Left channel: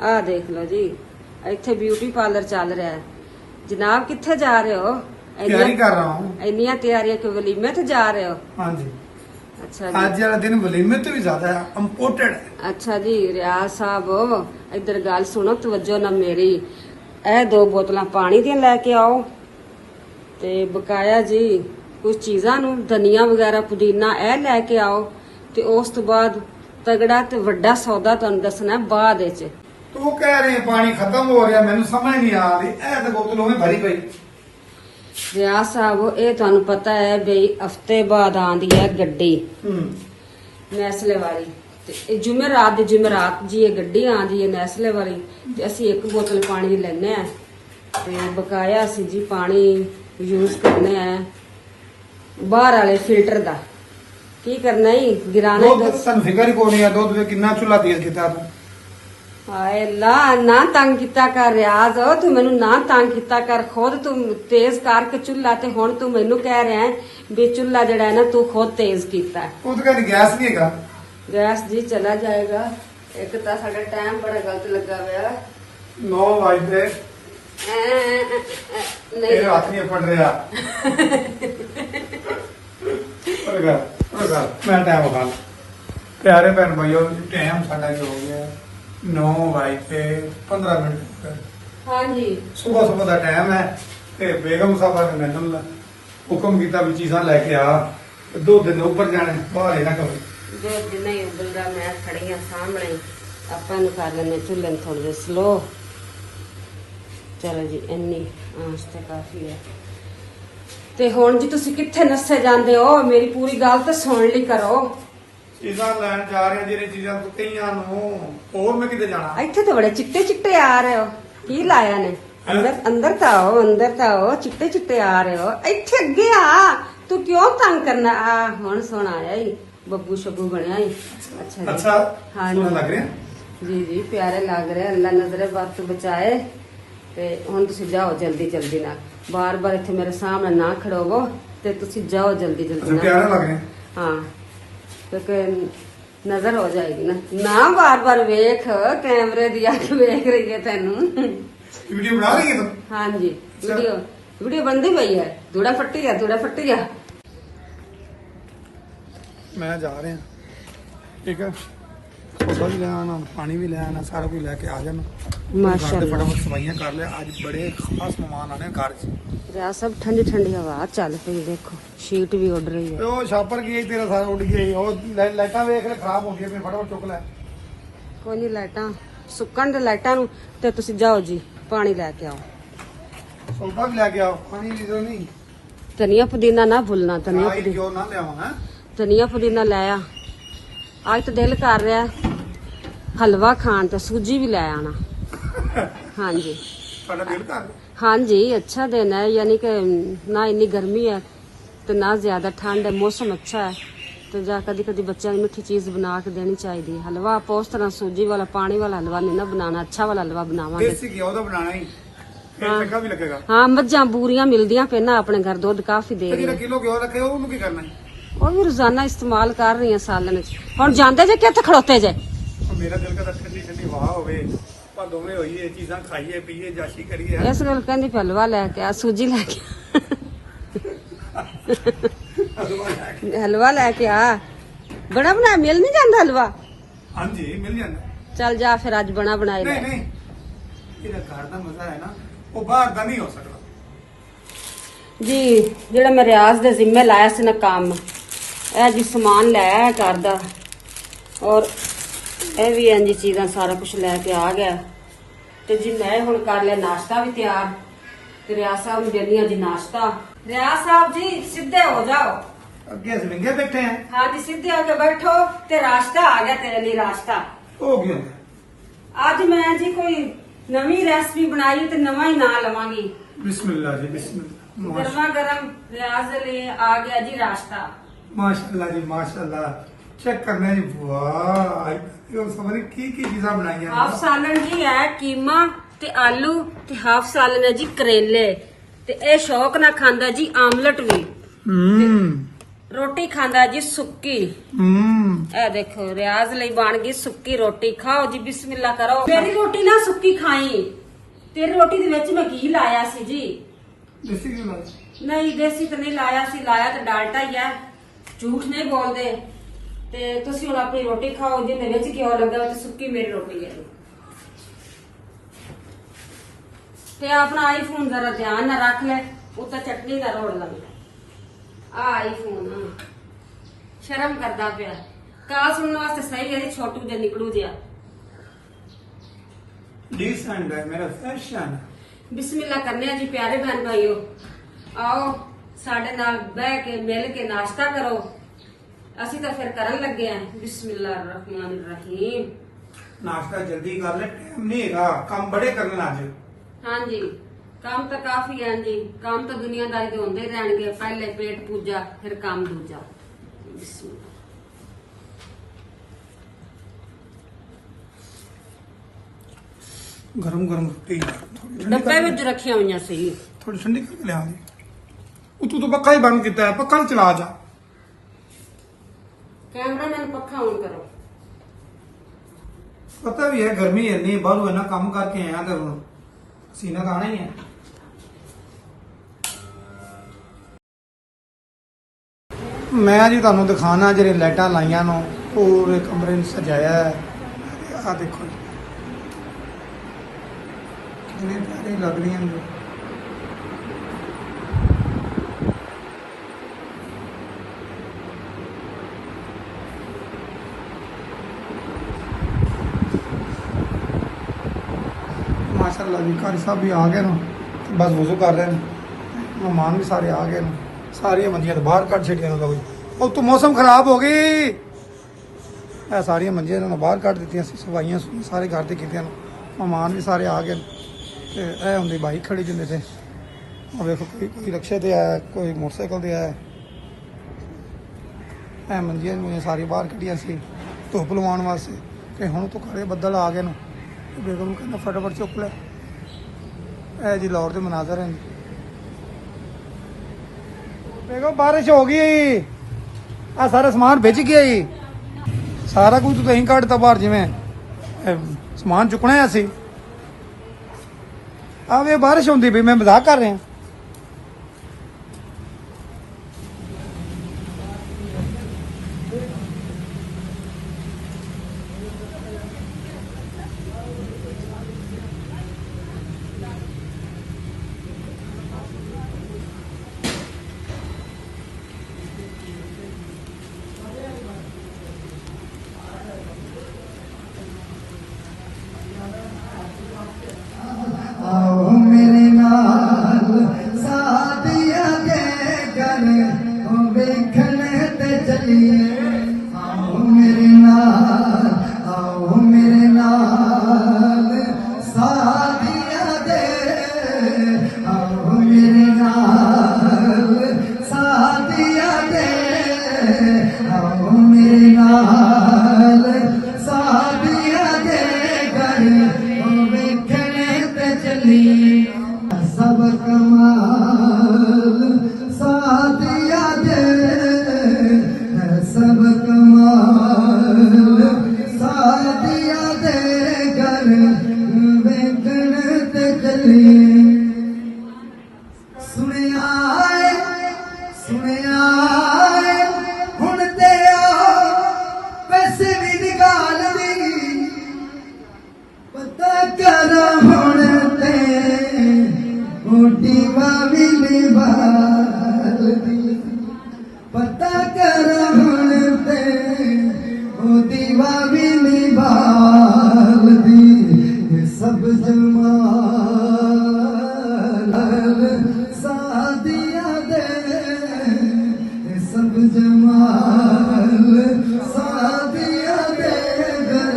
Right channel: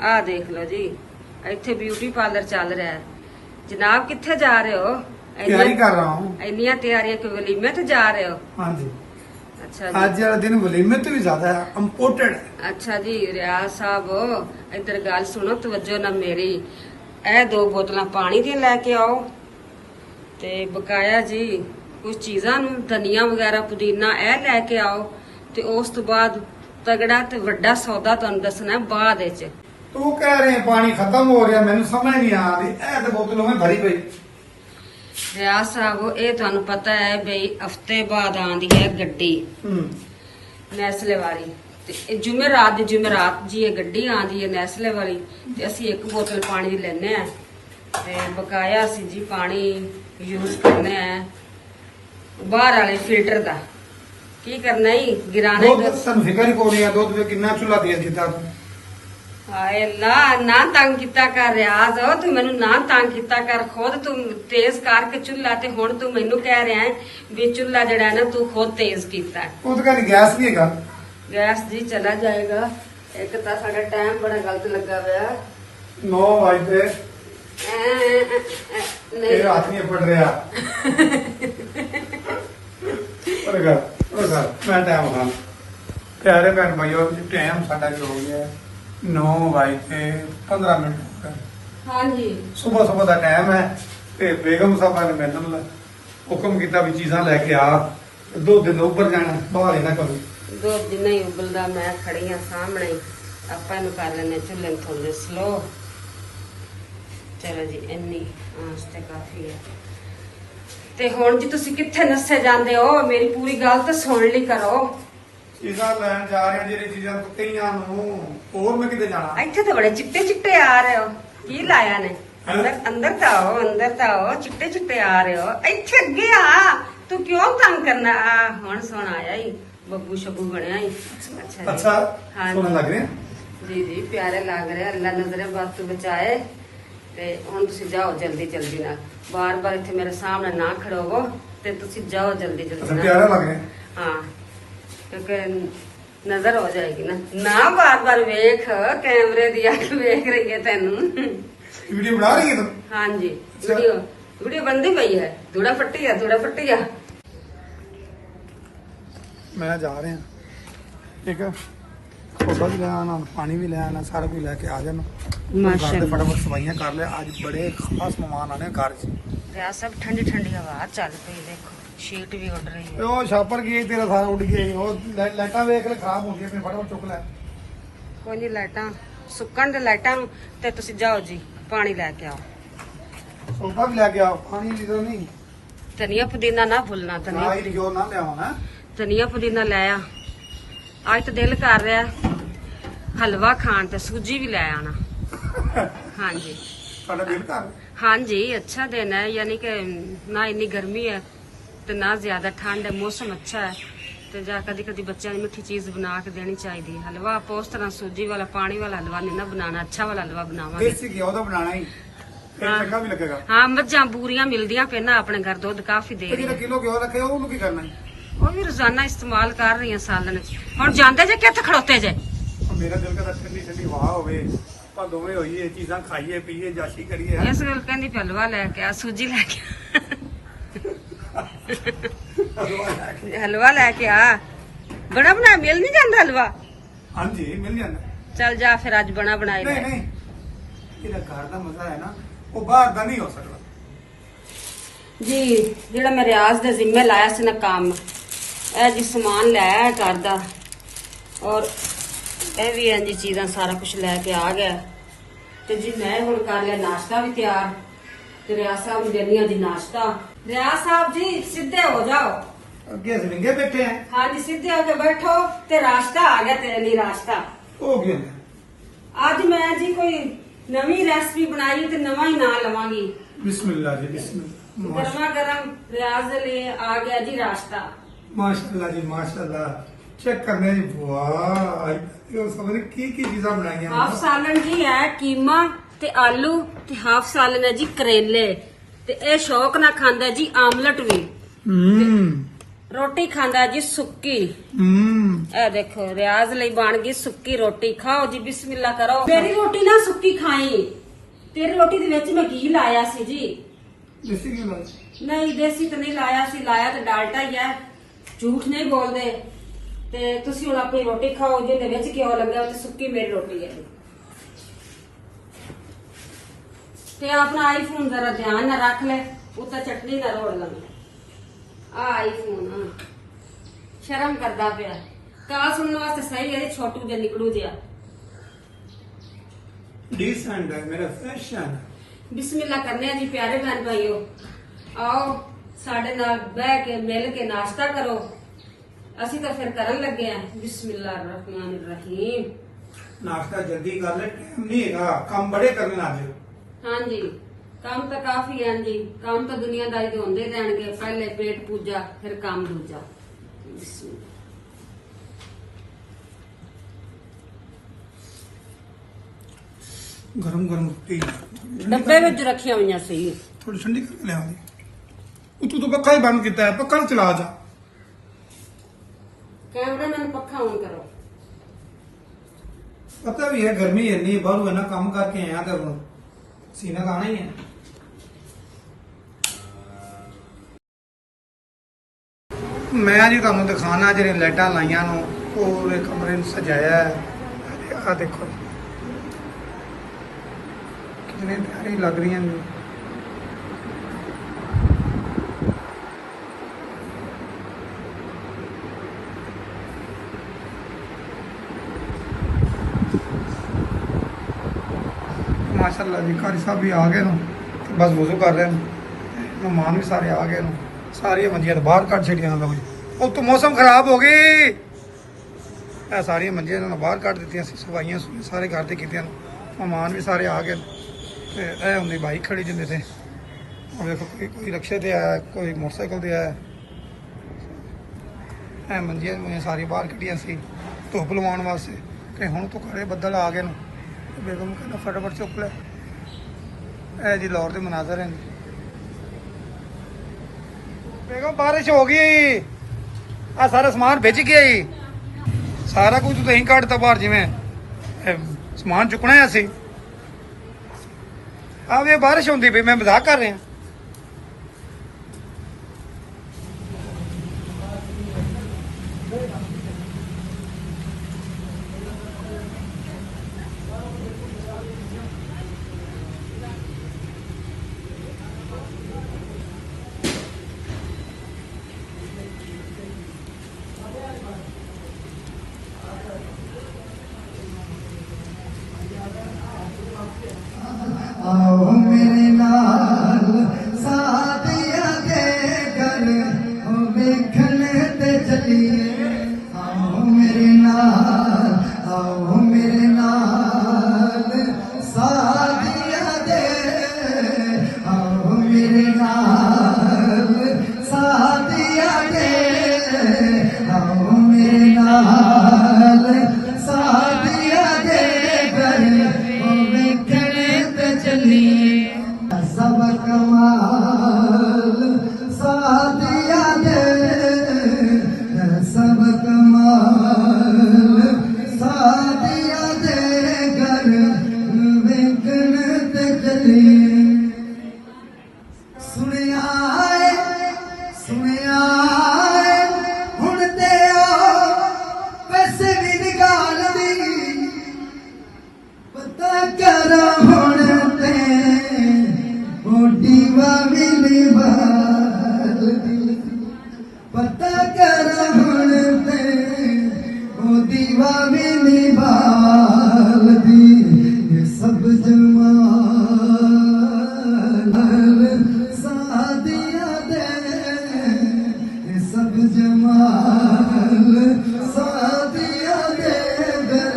ਆ ਦੇਖ ਲਓ ਜੀ, ਇੱਥੇ ਬਿਊਟੀ ਪਾर्लर ਚੱਲ ਰਿਹਾ है। जनाब किथे जा रहे हो? तैयारी कर रहा हूँ। ਇੰਨੀਆਂ ਤਿਆਰੀਆਂ ਕਿ ਵਲੀਮੇ ਤੇ ਜਾ ਰਹੇ ਹੋ? हाँ जी, ਅੱਛਾ आज ਜੀ। वाला दिन वलीमे तो भी ज्यादा इम्पोर्टेंट है। ਅੱਛਾ ਜੀ ਰਿਆਜ਼ ਸਾਹਿਬ ਇੱਧਰ ਗੱਲ ਸੁਣੋ ਤਵੱਜੋ ਨਾਲ ਮੇਰੀ। ਇਹ 2 ਬੋਤਲਾਂ ਪਾਣੀ ਦੀਆਂ ਲੈ ਕੇ ਆਓ ਤੇ ਬਕਾਇਆ ਜੀ ਕੁਝ ਚੀਜ਼ਾਂ ਨੂੰ ਧਨੀਆ ਵਗੈਰਾ ਪੁਦੀਨਾ ਇਹ ਲੈ ਕੇ ਆਓ ਤੇ ਉਸ ਤੋਂ ਬਾਅਦ ਤਗੜਾ ਤੇ ਵੱਡਾ ਸੌਦਾ ਤੁਹਾਨੂੰ ਦੱਸਣਾ ਬਾਅਦ ਵਿੱਚ। तू कह रहे हैं पानी खत्म हो रहा, मैंने समझ नहीं आ रही। ऐ तो बोतलों में भरी पई। ਰਿਆਜ਼ ਸਾਹਿਬ ਇਹ ਤੁਹਾਨੂੰ ਪਤਾ ਹੈ ਬਈ ਹਫਤੇ ਬਾਅਦ ਆਂਦੀ ਹੈ ਗੱਡੀ ਨੈਸਲੇ ਵਾਲੀ ਤੇ ਇਹ ਜੁਮੇਰਾਤ ਦੀ ਜੁਮੇਰਾਤ ਜੀ ਇਹ ਗੱਡੀ ਆਂਦੀ ਹੈ ਨੈਸਲੇ ਵਾਲੀ ਤੇ ਅਸੀਂ 1 ਬੋਤਲ ਪਾਣੀ ਦੀ ਲੈਣੇ ਆ ਤੇ ਬਕਾਇਆ ਅਸੀਂ ਜੀ ਪਾਣੀ ਯੂਜ਼ ਕਰਨੇ ਆ ਬਾਹਰ ਵਾਲੇ ਫਿਲਟਰ ਦਾ। ਕੀ ਕਰਨਾ ਹੀ ਗਿਰਾਣਾ दूध सन फिक्र ही कोनी है। दूध में कितना चूल्हा तेज किया था। ਹਾਏ ਅੱਲਾ ਨਾ ਤੰਗ ਕੀਤਾ ਕਰ ਰਿਆਜ਼ ਤੂੰ ਮੈਨੂੰ ਨਾ ਤੰਗ ਕੀਤਾ ਕਰ ਖੁਦ ਤੂੰ ਤੇਜ਼ ਕਰਕੇ ਚੁੱਲ੍ਹਾ ਤੇ ਹੁਣ ਤੂੰ ਮੈਨੂੰ ਕਹਿ ਰਿਹਾ ਹੈ ਵੀ ਚੁੱਲ੍ਹਾ ਜਿਹੜਾ ਹੈ ਨਾ ਤੂੰ ਖੁਦ ਤੇਜ਼ ਕੀਤਾ ਹੈ। वो तो कहनी गैस भी हैगा। ਗੈਸ ਜੀ ਚਲਾ ਜਾਏਗਾ। ਇੱਕ ਤਾਂ ਸਾਡਾ ਟਾਈਮ ਬੜਾ ਗਲਤ ਲੱਗਾ ਹੋਇਆ 9 बजे ਨਹੀਂ तेरे हाथ नहीं पड़ रहा। मैं टाइम उठा प्यारे भैन भाइयों टाइम साडा जो हो गया 9 बजे 15 मिनट हो गए। ਹਾਂਜੀ सुबह सुबह का टाइम है ते बेगम साहब ने मैंने हुक्म किया भी चीजा लेके आ 2 दिन ऊपर जाने बाहर ना कभी। ਦੁੱਧ ਨਹੀਂ ਉਬਲਦਾ ਮੈਂ ਖੜੀ ਆ ਸਾਹਮਣੇ ਹੀ। ਆਪਾਂ ਇਹਨੂੰ ਕਰ ਲੈਂਦੇ ਚੁੱਲ੍ਹੇ ਨੂੰ ਥੋੜੇ ਸਲੋ। ਚਲੋ ਜੀ ਇੰਨੀ ਆਂਚ ਤੇ ਕਾਫੀ ਹੈ। ਤੇ ਹੁਣ ਜੀ ਤੁਸੀਂ ਕਿੱਥੇ ਨੱਸੇ ਜਾਂਦੇ ਹੋ? ਮੇਰੀ ਪੂਰੀ ਗੱਲ ਤਾਂ ਸੁਣ ਲਈ ਕਰੋ। चीजा लैन जा रहे जेरी चीजा कईयां और मैं किते जाना। ਇੱਥੇ ਤਾਂ ਬੜੇ ਚਿੱਟੇ ਚਿੱਟੇ ਆ ਰਹੇ ਹੋ। ਕੀ ਲਾਇਆ ਨੇ? ਅੰਦਰ ਅੰਦਰ ਤਾਂ ਆਓ, ਅੰਦਰ ਤਾਂ ਆਓ। ਚਿੱਟੇ ਚਿੱਟੇ ਆ ਰਹੇ ਹੋ। ਇੱਥੇ ਅੱਗੇ ਆ। ਤੂੰ ਕਿਉਂ ਤੰਗ ਕਰਨਾ? ਆ ਹੁਣ ਸੁਣ ਆਇਆ ਹੀ ਬੱਬੂ ਸ਼ਬੂ ਬਣਿਆ ਹੀ। ਅੱਛਾ ਜੀ। अच्छा हाँ सोने जी। लग रहे हैं। ਜੀ ਜੀ ਪਿਆਰੇ ਲੱਗ ਰਹੇ ਅੱਲਾ ਨਜ਼ਰੇ ਬਾਤ ਤੋਂ ਬਚਾਏ। ਤੇ ਹੁਣ ਤੁਸੀਂ ਜਾਓ ਜਲਦੀ ਜਲਦੀ ਨਾਲ। ਬਾਰ-ਬਾਰ ਇੱਥੇ ਮੇਰੇ ਸਾਹਮਣੇ ਨਾ ਖੜੋਵੋ ਤੇ ਤੁਸੀਂ ਜਾਓ ਜਲਦੀ ਜਲਦੀ अच्छा ਨਾਲ। प्यारे लग रहे हैं। हाँ क्योंकि नजर हो जाएगी ना बार बार वेख कैमरे दी अख वेख रही है तेनू। वीडियो बना रही है तुम। हाँ जी वीडियो वीडियो बनती पई है। धूड़ा फट्टी है धूड़ा फट्टी है। मैं जा रहे हैं ठीक है। सोडा भी ले आना पानी भी ले आना सारा कुछ लेके आ जाना। माशाल्लाह। फटाफट सफाइयां कर ले आज बड़े खास मेहमान आने घर च। रिया सब ठंडी ठंडी हवा चल पई देखो शीट भी उड़ रही है। ਉਹ ਛਾਪਰ ਕੀ ਤੇਰਾ ਸਾਰਾ ਉੱਡ ਗਿਆ ਉਹ ਲਾਈਟਾਂ ਵੇਖ ਲੈ ਖਰਾਬ ਹੋ ਗਈਆਂ ਫਟਾਫਟ ਚੁੱਕ ਲੈ। ਕੋਈ ਨਹੀਂ ਲਾਈਟਾਂ ਸੁੱਕਣ ਦੇ ਲਾਈਟਾਂ ਨੂੰ ਤੇ ਤੁਸੀਂ ਜਾਓ ਜੀ ਪਾਣੀ ਲੈ ਕੇ ਆਓ। ਸੋਡਾ ਵੀ ਲੈ ਕੇ ਆਓ ਪਾਣੀ ਦੀ ਜ਼ਰੂਰਤ ਨਹੀਂ। ਧਨੀਆ ਪੁਦੀਨਾ ਨਾ ਭੁੱਲਣਾ। ਧਨੀਆ ਆਈ ਜੋ ਨਾ ਲਿਆਵਾਂ ਨਾ। ਧਨੀਆ ਪੁਦੀਨਾ ਲੈ ਆ। ਅੱਜ ਤਾਂ ਦਿਲ ਕਰ ਰਿਹਾ ਹਲਵਾ ਖਾਣ ਤੇ ਸੂਜੀ ਵੀ ਲੈ ਆਣਾ। ਹਾਂਜੀ ਸਾਡਾ ਦਿਲ ਕਰ हाँ जी अच्छा दिन है यानी कि ना इन्नी गर्मी है तो ना ज्यादा ठंड है। मौसम अच्छा है तो जा कदी कदी बच्चों की मिठी चीज बना के देनी चाहिए। हलवा आप उस तरह सूजी वाला पानी वाला हलवा नहीं ना बनाना। अच्छा वाला हलवा बनावांगे। देसी घिओ ਦਾ ਬਣਾਣਾ ਹੀ ਫਿਰ हाँ। ਚੰਗਾ ਵੀ ਲੱਗੇਗਾ। हाँ मझां बूरियां मिलदियां पे ना अपने घर दूध काफी दे ਤੇ रही ਜਿਹੜਾ है। ਕਿਲੋ ਘਿਓ ਰੱਖੇ ਉਹਨੂੰ ਕੀ ਕਰਨਾ ਹੈ। वो भी रोजाना इस्तेमाल कर रही है सालन हुण जांदे जे कित्थे खड़ोते जे? ਮੇਰਾ ਦਿਲ ਕਰਦਾ ਠੰਡੀ ਠੰਡੀ ਹਵਾ ਹੋਵੇ ਆਪਾਂ ਦੋਵੇਂ ਹੋਈਏ ਚੀਜ਼ਾਂ ਖਾਈਏ ਪੀਏ ਜਾਸ਼ੀ ਕਰੀਏ। इस गल कहंदी पे हलवा लेके आ सूजी लेके हलवा लेके आ। बड़ा बना मिल नहीं जाता हलवा। ਹਾਂਜੀ ਮਿਲ ਜਾਂਦਾ। चल जा फिर अज बना बनाई ਨਹੀਂ ले। ਨਹੀਂ ਇਹਦਾ ਘਰ ਦਾ ਮਜ਼ਾ ਹੈ ਨਾ ਉਹ ਬਾਹਰ ਦਾ ਨਹੀਂ ਹੋ ਸਕਦਾ। जी जेड़ा मैं रियाज दे जिम्मे लाया सी ना काम ए जी समान लाया घर दा और ए भी इंज चीज़ां सारा कुछ लेके आ गया ते जी मैं हुण कर लिया नाश्ता भी तैयार ते रियाज साहब नूं देनी जी नाश्ता। रियाज साहब जी सीधे हो जाओ। ਅੱਗੇ ਅਸੀਂ ਵਿੰਗੇ ਬੈਠੇ ਆ। हाँ जी सीधे होके बैठो ते रास्ता आ गया तेरे लिए रास्ता। ਹੋ ਗਿਆ आज मैं जी कोई नवी रेसिपी बनाई है ते नवा ही ना लवांगी। ਬਿਸਮਿਲ੍ਲਾ ਜੀ ਬਿਸਮਿਲ੍ਲਾ। गर्मा गर्म रियाज के लिए आ गया जी रास्ता। माशाल्लाह जी माशाल्लाह चेक करने जी वाह ये समझ की चीज़ां बनाई हाफ सालन जी है कीमा ते आलू ते हाफ सालन है जी करेले ते ए शौक ना खांदा जी आमलेट भी ਰੋਟੀ ਖਾਂਦਾ ਜੀ ਸੁੱਕੀ। ਇਹ ਦੇਖੋ ਰਿਆਜ਼ ਲਈ ਬਣ ਗਈ ਸੁੱਕੀ ਰੋਟੀ। ਖਾਓ ਜੀ, ਬਿਸਮਿਲ੍ਲਾ ਕਰੋ। ਮੇਰੀ ਰੋਟੀ ਨਾ ਸੁੱਕੀ ਖਾਈ। ਤੇਰੀ ਰੋਟੀ ਦੇ ਵਿੱਚ ਮੈਂ ਘੀ ਲਾਇਆ ਸੀ ਜੀ। ਦੇਸੀ ਘੀ ਲਾਇਆ? ਨਹੀਂ ਦੇਸੀ ਤਾਂ ਨਹੀਂ ਲਾਇਆ ਸੀ, ਲਾਇਆ ਤਾਂ ਡਾਲਟਾ ਹੀ ਹੈ। ਝੂਠ ਨਹੀਂ ਬੋਲਦੇ। ਤੇ ਤੁਸੀਂ ਹੁਣ ਆਪਣੀ ਰੋਟੀ ਖਾਓ, ਜਿਹਦੇ ਵਿੱਚ ਘਿਓ ਲੱਗਾ ਤੇ ਸੁੱਕੀ ਮੇਰੀ ਰੋਟੀ ਹੈ। ਤੇ ਆਪਣਾ ਆਈਫੋਨ ਜਰਾ ਧਿਆਨ ਨਾਲ ਰੱਖ ਲੈ, ਉੱਤੇ ਚਟਨੀ ਨਾ ਰੋੜ ਲਵੇ। ਆ ਆਈਫੋਨ ਸ਼ਰਮ ਕਰਦਾ ਪਿਆ। ਕਾ ਸੁਣਨ ਵਾਸਤੇ ਸਹੀ ਹੈ ਜੀ, ਛੋਟੂ ਜਿਹਾ ਨਿਕਲੂ ਜਿਹਾ। ਡੀਸੈਂਟ ਹੈ ਮੇਰਾ ਫੈਸ਼ਨ। ਬਿਸਮਿਲ੍ਲਾ ਕਰਨੇ ਆ ਜੀ ਪਿਆਰੇ ਭੈਣ ਭਾਈਓ। ਆਓ ਸਾਡੇ ਨਾਲ ਬਹਿ ਕੇ ਮਿਲ ਕੇ ਨਾਸ਼ਤਾ ਕਰੋ। ਅਸੀਂ ਤਾਂ ਫਿਰ ਕਰਨ ਲੱਗੇ ਆ। ਬਿਸਮਿਲ੍ਲਾ ਰਹਿਮਾਨ ਰਹੀਮ। ਨਾਸ਼ਤਾ ਜਲਦੀ ਕਰ ਲੈ, ਟਾਈਮ ਨਹੀਂ ਹੈਗਾ, ਕੰਮ ਬੜੇ ਕਰਨ ਲੱਗ ਗਏ। ਹਾਂਜੀ ਕੰਮ ਤਾਂ ਕਾਫੀ ਹੈ ਜੀ। ਕੰਮ ਤਾਂ ਦੁਨੀਆਦਾਰੀ ਦੇ ਹੁੰਦੇ ਰਹਿਣਗੇ। ਪਹਿਲੇ ਪੇਟ ਪੂਜਾ, ਫਿਰ ਕੰਮ ਦੂਜਾ। ਬਿਸਮਿਲ੍ਲਾ। ਗਰਮ ਗਰਮ ਰੋਟੀ ਡੱਬੇ ਵਿੱਚ ਰੱਖੀਆਂ ਹੋਈਆਂ ਸੀ। ਥੋੜੀ ਠੰਡੀ ਕਰ ਲਿਆ। ਤੂੰ ਤਾਂ ਪੱਕਾ ਹੀ ਬੰਦ ਕੀਤਾ ਹੈ, ਪੱਕਾ ਹੀ ਚਲਾ ਜਾ। ਕੈਮਰਾਮੈਨ ਪੱਖਾ ਔਨ ਕਰੋ। ਪਤਾ ਵੀ ਹੈ ਗਰਮੀ ਇੰਨੀ, ਬਾਹਰੋਂ ਇੰਨਾ ਕੰਮ ਕਰਕੇ ਆਇਆ ਤਾਂ ਸੀਨਾ ਤਾਂ ਆਣਾ ਹੀ ਹੈ। ਮੈਂ ਜੀ ਤੁਹਾਨੂੰ ਦਿਖਾਣਾ ਜਿਹੜੇ ਲਾਈਟਾਂ ਲਾਈਆਂ ਨੂੰ ਪੂਰੇ ਕਮਰੇ ਨੂੰ ਸਜਾਇਆ ਹੈ। ਆ ਦੇਖੋ ਕਿੰਨੇ ਪਿਆਰੀ ਲੱਗ ਰਹੀਆਂ ਨੇ। माशाल्लाह जी कारी साहब भी आ गए ना, बस वजू कर रहे हैं। मेहमान भी सारे आ गए ना, सारिया मंजियां तो बाहर कट छड़िया ना भाई। अब तो मौसम खराब हो गई। सारिया मंजियां इन्होंने बाहर कट दी, सफाइयां सारे घर की। मेहमान भी सारे आ गए। होंगे बाइक खड़ी जिंदे थे। और देखो कोई रिक्शे ते आया, कोई मोटरसाइकिल ते आया। मंजियां सारी बाहर कटिया सी धुप लवाने वास्ते। कि हुण तो खड़े बदल आ गए ना। बेगम कहना फटाफट चुक ले। जी लाहौर के मनाजर हैं। बेगम बारिश हो गई, आ सारा सामान भिज गया ही। सारा कुछ तो अं कटता बाहर, जिमें समान चुकना है असी। अब ये बारिश होंगी भी, मैं मजाक कर रहा। आओ मेरे नाल सादिया दे गन हो देखने ते चलिए। आओ मेरे नाल, आओ मेरे नाल सादिया दे। आओ मेरे नाल सादिया दे। आओ मेरे नाल सादिया दे गन हो देखने ते चलिए। सब कमाल सादिया दे, सब कमाल सादिया दे घर वेखण ते चलिए। सुनिया सुनिया हुण ते पैसे भी निकाल दी। पता कर हुण ते मोटी वावी निभाल दी। पता कर हुण ते मोटी वावी निभाल दी। ये सब जमाल सादिया दे, ये सब जमाल सादिया दे घर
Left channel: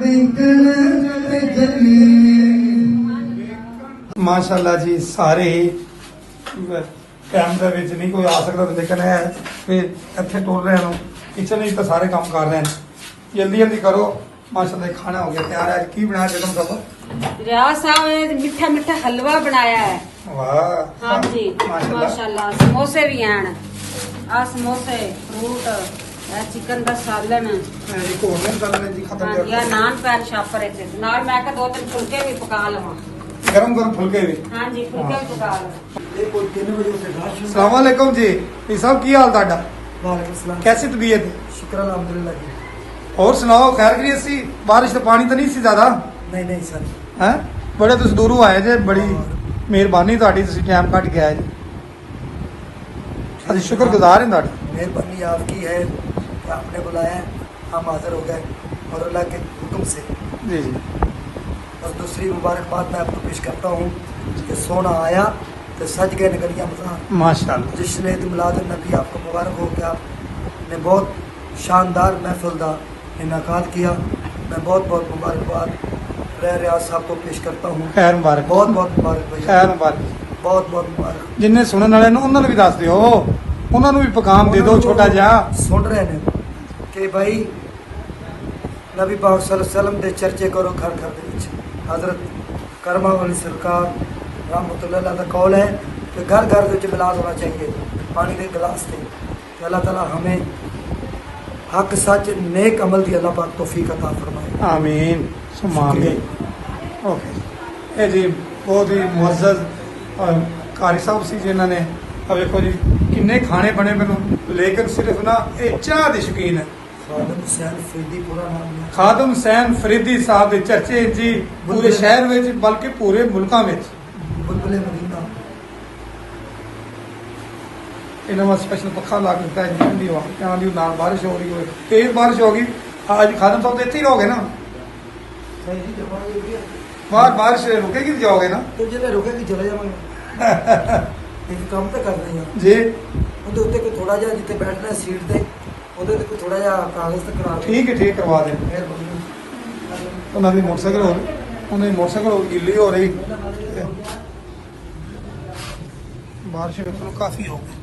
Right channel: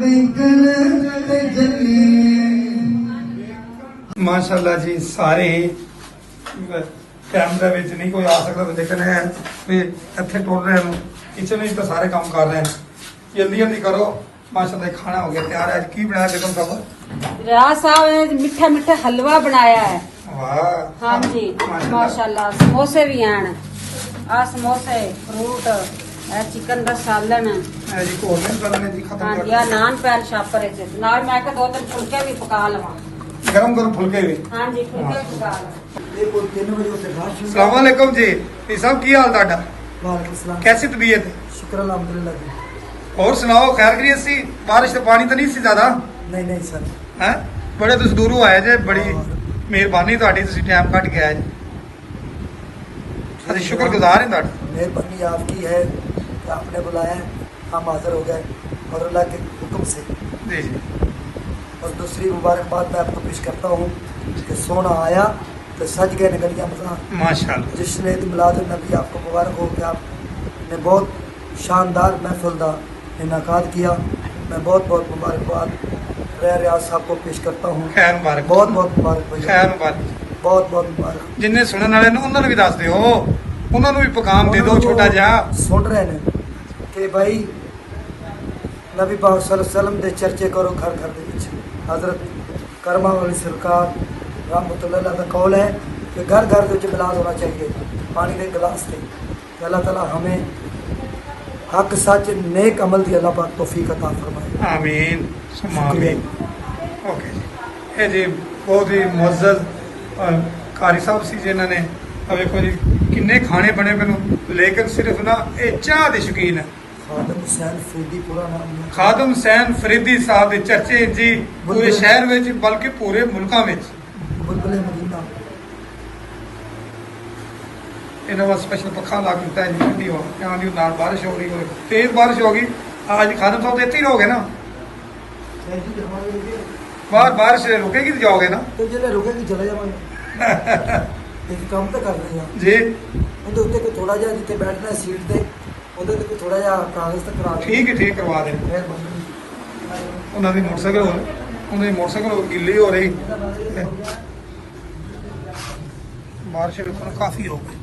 वेखण ते चलिए। माशाल्लाह जी सारे कैमरे विच नहीं कोई आ सकता, लेकिन है इत्थे टुर रहे हैं। किचन में तो सारे काम कर रहे हैं। जल्दी जल्दी करो। माशाल्लाह खाना हो गया तैयार। आज की बनाया बेगम साहब? रियाज साहब ने मीठा मीठा हलवा बनाया है। वाह हाँ जी माशाल्लाह। समोसे भी हैं। ਆ ਸਮੋਸੇ ਫਰੂਟ ਇਹ ਚਿਕਨ ਦਾ ਸਾਲਨ ਇਹ ਜੀ ਕੋਲਨ ਕਰਨ ਨੇ ਜੀ ਖਤਮ ਕਰ ਜਾਂ ਨਾਨ ਪੈਨ ਸ਼ਾਪਰ ਇੱਥੇ ਨਾਲ ਮੈਂ ਕਿਹਾ 2-3 ਫੁਲਕੇ ਵੀ ਪਕਾ ਲਵਾਂ ਗਰਮ ਗਰਮ ਫੁਲਕੇ ਵੀ ਹਾਂਜੀ ਫੁਲਕੇ ਵੀ ਪਕਾ ਲਵਾਂ ये कोई 3 बजे से घास शुरू ਸਲਾਮ ਅਲੈਕੁਮ ਜੀ ਇਹ ਸਭ ਕੀ ਹਾਲ ਤੁਹਾਡਾ वालेकुम सलाम कैसी तबीयत है शुक्र अल्हम्दुलिल्लाह जी और सुनाओ खैर करिए सी बारिश तो पानी तो नहीं सी ज्यादा नहीं नहीं सर ਹੈ ਬੜੇ ਤੁਸੀਂ ਦੂਰੋਂ ਆਏ ਜੇ ਬੜੀ ਮਿਹਰਬਾਨੀ ਤੁਹਾਡੀ ਤੁਸੀਂ ਟਾਈਮ ਕੱਢ ਕੇ ਆਏ ਜੀ ਅਸੀਂ ਸ਼ੁਕਰਗੁਜ਼ਾਰ ਹਾਂ ਤੁਹਾਡਾ मेहरबानी आपकी है कि आपने बुलाया हम हाजिर हो गए और अल्लाह के हुक्म से जी जी और दूसरी मुबारकबाद मैं आपको पेश करता हूँ कि सोना आया तो सज गए निकलियाँ मज़ार माशाल्लाह जिसने मिलाद नबी आपको मुबारक हो कि आपने बहुत शानदार महफिल का इनाकाद किया मैं बहुत बहुत मुबारकबाद रियाज साहब को पेश करता हूँ ਖੈਰ ਮੁਬਾਰਕ बहुत बहुत मुबारक भैया ਖੈਰ ਮੁਬਾਰਕ बहुत बहुत मुबारक ਜਿੰਨੇ ਸੁਣਨ ਵਾਲੇ ਨੇ ਉਹਨਾਂ ਨੂੰ ਵੀ ਦੱਸ ਦਿਓ ਉਹਨਾਂ ਨੂੰ ਵੀ ਪੈਗਾਮ ਦੇ ਦਿਓ ਛੋਟਾ ਜਿਹਾ सुन रहे ने कि भाई नबी पाक सल्लल्लाहु अलैहि वसल्लम दे चर्चे करो घर घर दे विच हजरत करमा वाली सरकार रहमतुल्लाह अलैह दा कौल है कि घर घर दे विच मिलाद होना चाहिए पानी के गिलास से कि अल्लाह ताला हमें हक सच नेक अमल दी अल्लाह पाक तौफीक अता फरमाए ਆਮੀਨ ਸੁਮਾ शुक्रिया ਆਮੀਨ ਓਕੇ ਇਹ ਜੀ ਬਹੁਤ ਹੀ ਮੁਅੱਜ਼ਜ਼ ਕਾਰੀ ਸਾਹਿਬ ਸੀ ਜਿਨ੍ਹਾਂ ਨੇ ਆ ਵੇਖੋ ਜੀ ਕਿੰਨੇ ਖਾਣੇ ਬਣੇ ਮੈਨੂੰ ਲੇਕਿਨ ਸਿਰਫ ਨਾ ਇਹ ਚਾਹ ਦੇ ਸ਼ੌਕੀਨ ਹੈ खादम हुसैन फरीदी पूरा नाम है ਖਾਦਮ ਹੁਸੈਨ ਫਰੀਦੀ ਸਾਹਿਬ ਦੇ ਚਰਚੇ ਜੀ ਪੂਰੇ ਸ਼ਹਿਰ ਵਿੱਚ ਬਲਕਿ ਪੂਰੇ ਮੁਲਕਾਂ ਵਿੱਚ बुलबुल मदीना ਇਹਨਾਂ ਦਾ ਸਪੈਸ਼ਲ ਪੱਖਾ ਲਾ ਕੇ ਦਿੱਤਾ ਹੈ ਜੀ ਠੰਡੀ ਹਵਾ ਕਿਉਂ ਜੀ ਨਾਲ ਬਾਰਿਸ਼ ਹੋ ਰਹੀ ਹੋਵੇ ਤੇਜ਼ ਬਾਰਿਸ਼ ਹੋ ਗਈ ਅੱਜ ਖਾਦਮ ਸਾਹਿਬ ਤੇ ਇੱਥੇ ਹੀ ਰਹੋਗੇ ਨਾ ਬਾਹਰ ਬਾਰਿਸ਼ ਰੁਕੇਗੀ ਤੇ ਜਾਓਗੇ ਨਾ तो जिले रुकेगी चले जावांगे एक काम तो कर रहे हैं ਜੀ ਉਹਦੇ ਉੱਤੇ ਕੋਈ ਥੋੜਾ ਜਿਹਾ ਜਿੱਥੇ ਬੈਠਣਾ ਸੀਟ ਤੇ ਉਹਦੇ ਤੇ ਕੋਈ ਥੋੜਾ ਜਿਹਾ ਕਾਗਜ਼ ਤੇ ਕਰਾ ਦੇ ਠੀਕ ਹੈ ਠੀਕ ਕਰਵਾ ਦੇ ਉਹਨਾਂ ਦੀ ਮੋਟਰਸਾਈਕਲ ਹੋ ਉਹਨਾਂ ਦੀ ਮੋਟਰਸਾਈਕਲ ਗਿੱਲੀ ਹੋ ਰਹੀ ਬਾਰਿਸ਼ ਰੁਕਣ ਕਾਫੀ ਹੋ ਗਈ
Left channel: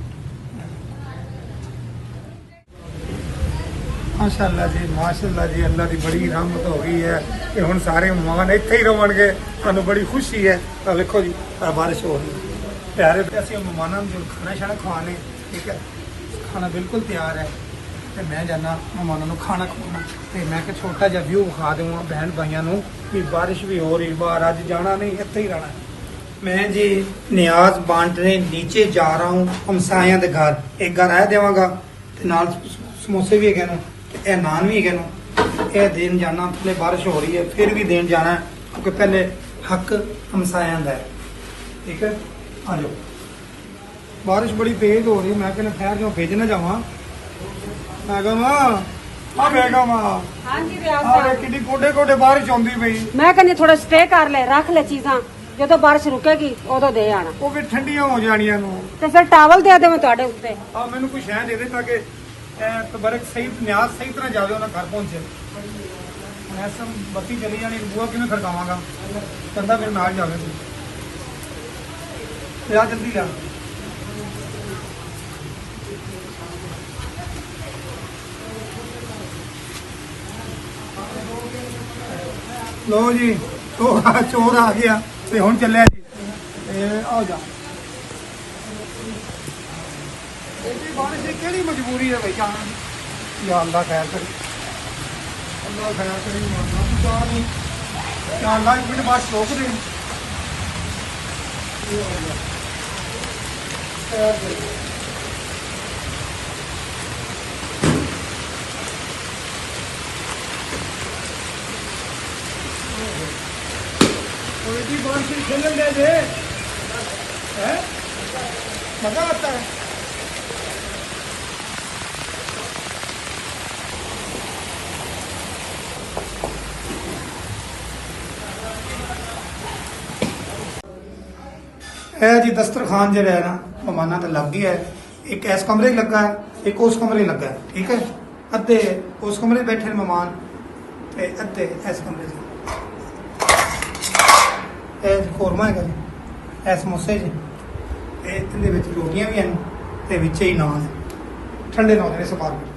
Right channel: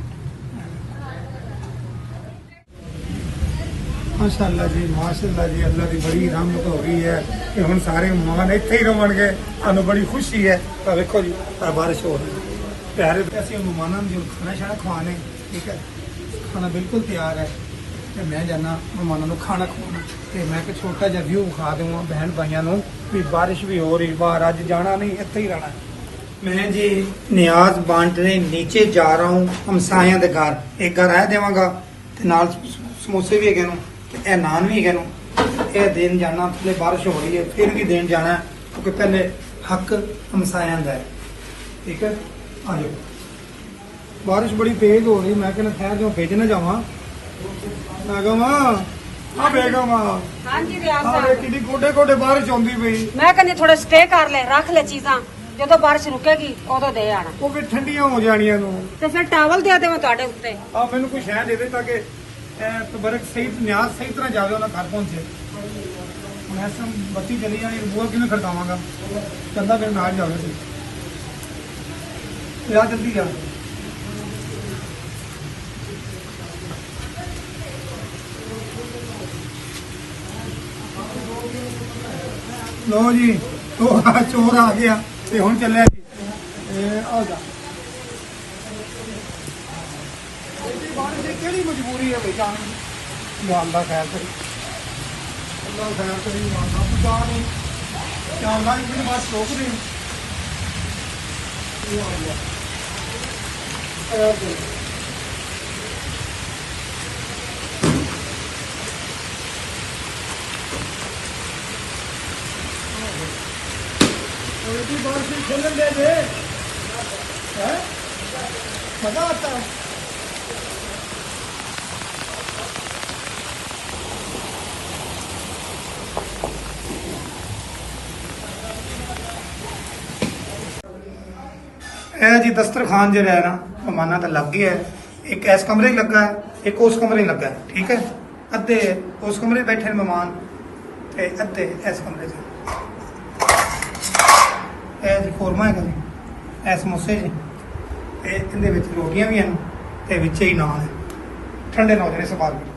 ਮਾਸ਼ਾਅੱਲਾ ਜੀ ਅੱਲਾ ਦੀ ਬੜੀ ਰਹਿਮਤ ਹੋ ਗਈ ਹੈ ਕਿ ਹੁਣ ਸਾਰੇ ਮਹਿਮਾਨ ਇੱਥੇ ਹੀ ਰਹਣਗੇ ਤੁਹਾਨੂੰ ਬੜੀ ਖੁਸ਼ੀ ਹੈ ਤਾਂ ਵੇਖੋ ਜੀ ਆਹ ਬਾਰਿਸ਼ ਹੋ ਰਹੀ ਹੈ ਪਿਆਰੇ ਅਸੀਂ ਮਹਿਮਾਨਾਂ ਨੂੰ ਜੋ ਖਾਣਾ ਛਾਣਾ ਖਵਾਣੇ ਠੀਕ ਹੈ ਖਾਣਾ ਬਿਲਕੁਲ ਤਿਆਰ ਹੈ ਤੇ ਮੈਂ ਜਾਣਾ ਮਹਿਮਾਨਾਂ ਨੂੰ ਖਾਣਾ ਖਵਾਉਣਾ ਤੇ ਮੈਂ ਕਿ ਛੋਟਾ ਜਿਹਾ ਵਿਊ ਵਿਖਾ ਦੇਵਾਂ ਭੈਣ ਭਾਈਆਂ ਨੂੰ ਵੀ ਬਾਰਿਸ਼ ਵੀ ਹੋ ਰਹੀ ਬਾਹਰ ਅੱਜ ਜਾਣਾ ਨਹੀਂ ਇੱਥੇ ਹੀ ਰਹਿਣਾ मैं जी नियाज बांटने नीचे जा रहा हूँ हमसाया के घर एक घर आया देवांगा ते नाल समोसे भी है ए नान भी है ये देन जाना थोड़ी बारिश हो रही है फिर भी देन जाना है क्योंकि पहले हक हमसाया का है ठीक है आ जाओ बारिश बड़ी तेज हो रही मैं कहना खैर जो भेज ना जावा मैं कहा आ बेगम ਹਾਂਜੀ आ कितनी गोडे गोडे बारिश आंदी पई ਮੈਂ ਕਹਿੰਦੀ ਥੋੜਾ ਸਟੇ ਕਰ ਲੈ ਰੱਖ ਲੈ ਚੀਜ਼ਾਂ ਜਦੋਂ ਬਾਰਿਸ਼ ਰੁਕੇਗੀ ਉਦੋਂ ਦੇ ਆਣਾ ਉਹ ਵੀ ਠੰਡੀਆਂ ਹੋ ਜਾਣੀਆਂ ਨੂੰ ਤੇ ਫਿਰ ਟਾਵਲ ਦੇ ਦੇਵੇ ਤੁਹਾਡੇ ਉੱਤੇ ਆ ਮੈਨੂੰ ਕੋਈ ਸ਼ਹਿ ਦੇ ਦੇ ਤਾਂ ਕਿ ਤਬਰਕ ਸਹੀ ਨਿਆਜ਼ ਸਹੀ ਤਰ੍ਹਾਂ ਜਾਵੇ ਉਹਨਾਂ ਘਰ ਪਹੁੰਚੇ ਹੁਣ ਐਸਾ ਬੱਤੀ ਚਲੀ ਜਾਣੀ ਬੂਆ ਕਿਵੇਂ ਖੜਕਾਵਾਂਗਾ ਕਹਿੰਦਾ ਫਿਰ ਨਾਲ ਜਾਵੇ ਤੂੰ ਜਾ ਜਲਦੀ ਜਾ ਲੋ ਜੀ ਉਹ ਚੋਰ ਆ ਗਿਆ ਤੇ ਹੁਣ ਚੱਲਿਆ ਜੀ ਇਹ ਆ ਜਾ ਇਹਦੀ ਬਾਰਿਸ਼ ਦੀ ਕਿਹੜੀ ਮਜਬੂਰੀ ਹੈ ਬਈ ਜਾਣ ਦੀ ਯਾ ਅੱਲਾ ਖੈਰ ਕਰੀ ਅੱਲਾ ਖੈਰ ਕਰੀ ਮਾਨਾ ਪੁਕਾਰ ਨੂੰ ਯਾ ਅੱਲਾ ਇੱਕ ਮਿੰਟ ਬਾਅਦ ਰੋਕ ਦੇ ਇਹ ਆ ਗਿਆ ਖੈਰ ਕਰੀ और इतनी बारिश में खेलन दे दे हैं मजा आता है जी दस्तरखान जो है ना मेहमाना तो लग गया है एक इस कमरे लगा है एक उस कमरे लगा है ठीक है अद्धे उस कमरे बैठे मेहमान ते अद्धे इस कमरे च ਇਹ ਖੋਰਮਾ ਹੈਗਾ ਜੀ ਇਹ ਸਮੋਸੇ ਜੀ ਇਹਦੇ ਵਿੱਚ ਰੋਟੀਆਂ ਵੀ ਹਨ ਤੇ ਵਿੱਚ ਹੀ ਨਾਨ ਹੈ ਠੰਡੇ ਨਾਨ ਨੇ ਸਪਾਰ ਕੇ